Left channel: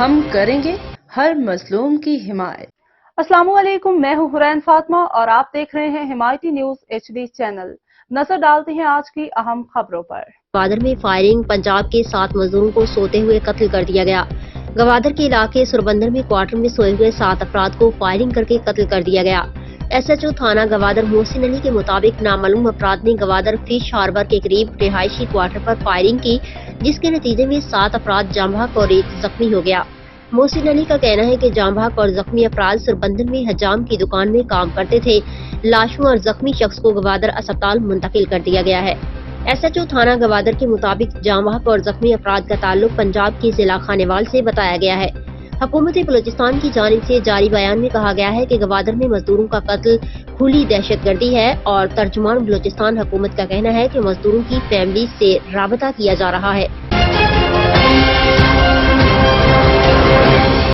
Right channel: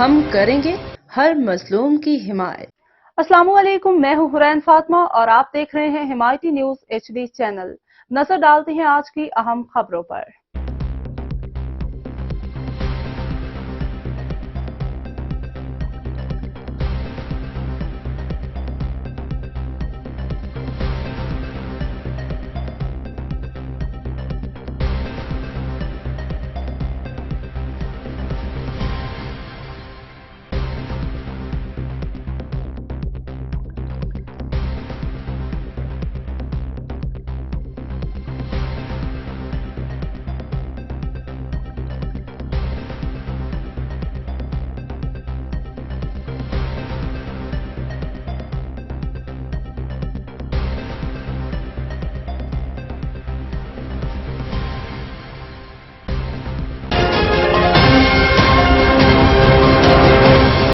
ہم کریں گے ہر مظلوم کی حمایت۔ السلام علیکم، میں ہوں حرین فاطمہ اور آپ دیکھ رہے ہیں حمایتی نیوز HD چینل۔ نظر ڈالتے ہیں آج کی اہم خبروں پر۔ گوادر میں فائرنگ، پنجاب کے 7 مزدوروں کو سوتے ہوئے قتل کر دیا گیا۔ گوادر کے علاقے سربندر میں کوارٹر میں سوئے ہوئے 7 افراد کو فائرنگ کر کے قتل کر دیا گیا۔ SHO تھانہ گوادر محسن علی کے مطابق نامعلوم افراد نے گوادر فش ہاربر کے قریب رہائشی کوارٹر پر فائرنگ کی، جس کے نتیجے میں 7 افراد جاں بحق اور 1 زخمی ہو گیا۔ محسن علی کا کہنا ہے کہ جاں بحق اور زخمی افراد سربندر میں حجام کی دکان میں کام کرتے تھے۔ لاشوں اور زخمی شخص کو گوادر اسپتال منتقل کر دیا گیا ہے۔ SHO تھانہ گوادر کے مطابق جاں بحق اور زخمی افراد کا تعلق پنجاب کے ضلع خانیوال سے بتایا گیا ہے۔ حکومت بلوچستان کی جانب سے جاری بیان میں کہا گیا ہے کہ گوادر میں مزدوروں کا قتل کھلی دہشت گردی ہے اور ترجمان بلوچستان حکومت کا کہنا ہے کہ مزدوروں کی فیملی سے رابطہ کیا جا رہا ہے۔